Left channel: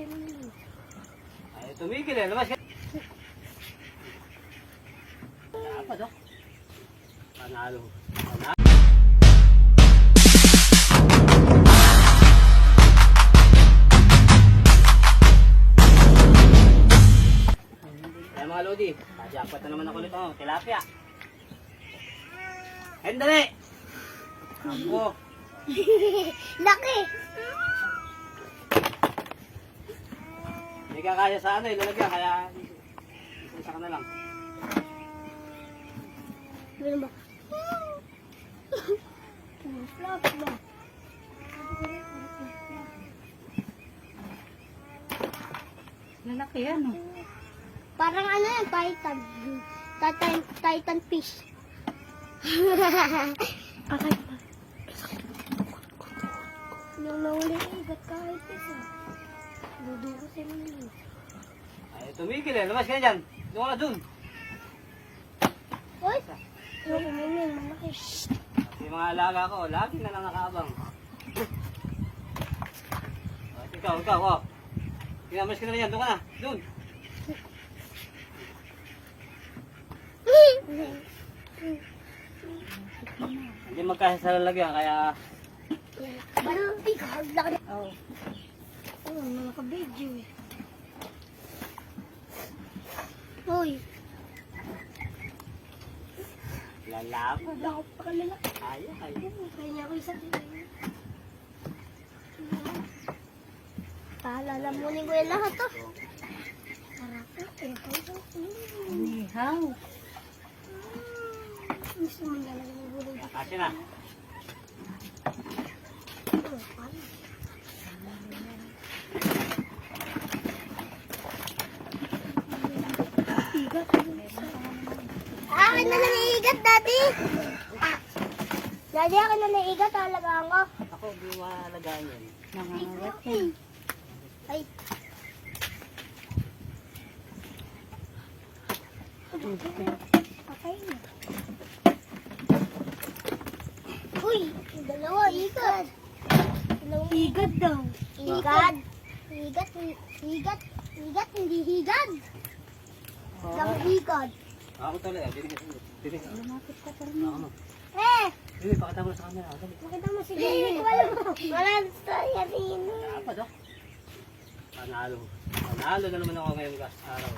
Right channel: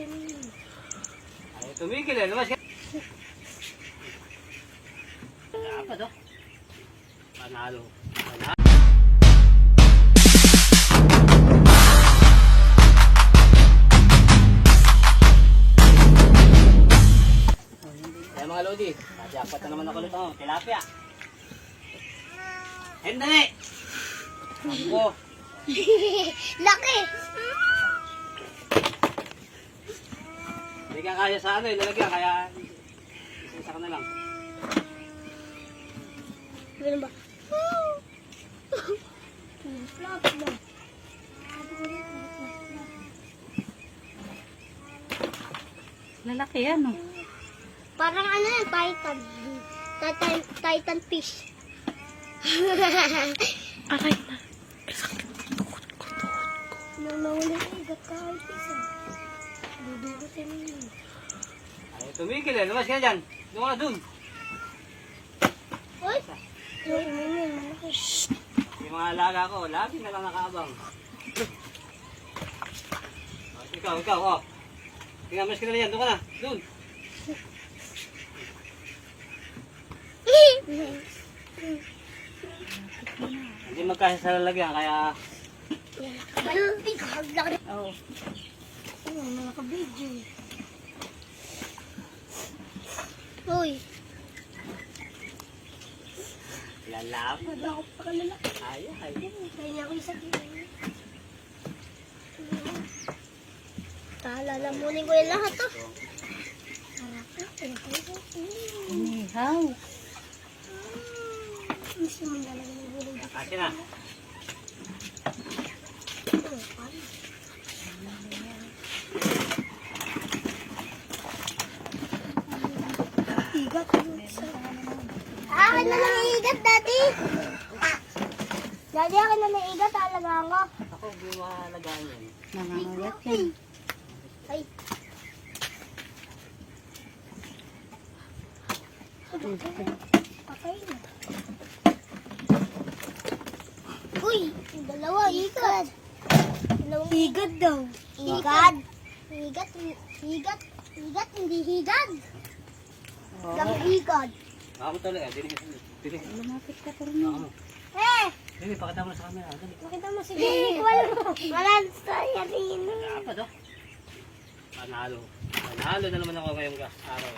Ay, tumigil eh. Lumas ka. Dapat oh. Panalo. Panalo. Kaya mga Lodi, jackpot na naman ako nito. Oh, tilapia. Hen, dali! Ako. Laki! Hindi ka kaya sa ano, ilalagyan. Kaya, isa ka na lang. Ganun ba? Flop na. Lalaki yan, oh. Parang ano yan, titan. Titan, titan fish. Aray na. Nahuli ko, ba't kahit isa? Mo. Ay, tumigil eh. Lumas ka dyan. Doon ka dun. Uy! Yung mga alaga ko, lagi na lang nakaabang. Oh, ikaw, ikaw, oh. Tingnan, ka naman yan. Doon ka na. Doon. Hindi magkasa sa lalagyan, kaya... Balti ka, laki. Oh. Oo, nakaka-video. Uy, Lalaban. bakit pa ka lalaki? Ay, ay. Kaya niya ako isa Talalamunin ko yung lahat to. Harap ko, tintay ko. Inihaw. Gusto mo na lang. Kasi na. Akin na lang yung igat, dati. Dati akin na lang yung igat, talaga ako. Ako, hindi mahalagaan yan. Nangangalat yan. Ay. Okay. Uy, dalawa, igat. Igat daw. Igat. Igat, igat, igat, hindi higad. Lang higad. Ako talaga, dinig ka Dili. Lumapit ka pero Ako. Eh, Dili, pakita mo sa camera. Dali. makita mo si Jimmy. Wala mo. Wala sa yarin. Dapat, oh. Panalo. Panalo na naman ako ngayong gas araw.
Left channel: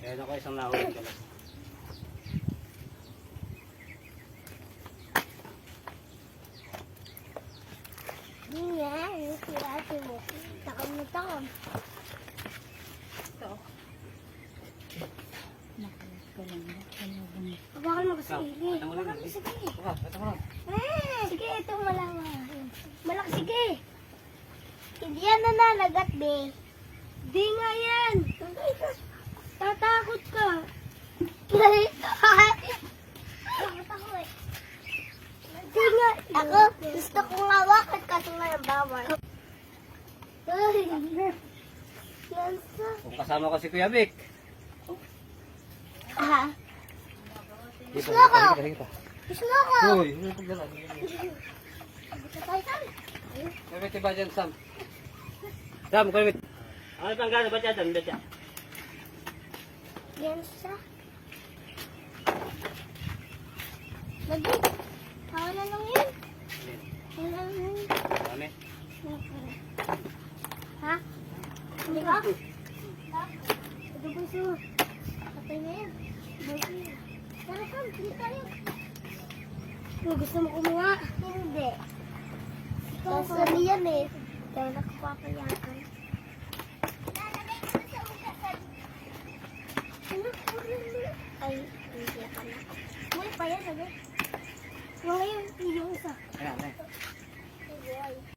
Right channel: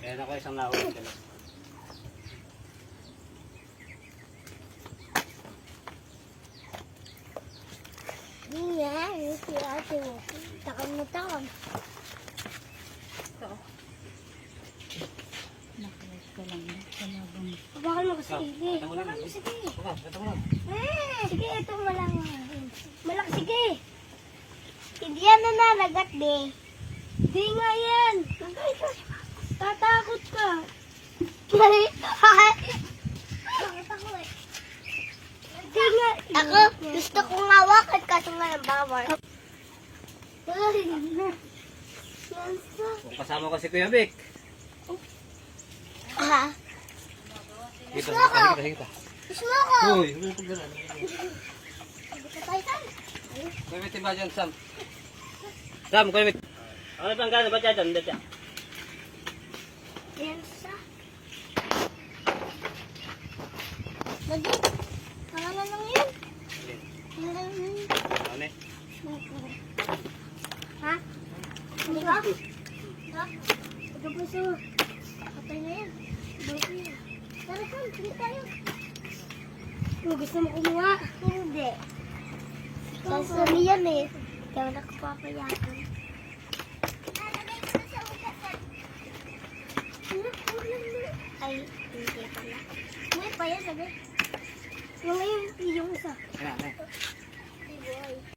Kaya ako isang nahuli ka lang. Hindi nga, si ate. Takam na takam. Nakulit ka lang. Hindi ako magsili. Mo rin. Sige. Mo lang. Eh, sige, ito malaki. Malaki, sige. Hindi yan na nalagat, be. Hindi nga yan. Tatakot ka. Bakit ako eh? Ako, gusto kong hawakan kaso may bawal. Yan. Kung kasama ko si Kuya Vic. Dito, Gusto ko. dito, dito. gusto ko. Uy, ano ito gano'n? Vic, iba dyan, Sam. Sam, Vic. Ano itong gano'n? Ba't dyan? Dyan? Yan sa. Lagi. Na lang yun. Kaya na lang yun. Dami. Ha? Hindi ka? Ha? Ito puso. Patay na yan. Tara Sam, hindi tayo. Oh, gusto mo kumuha? Hindi. Sasali yan eh. Kaya nakapapayatan. Ay, hindi pala. May pa yan, sabi. Wala yun, yung isa. Ay, boy.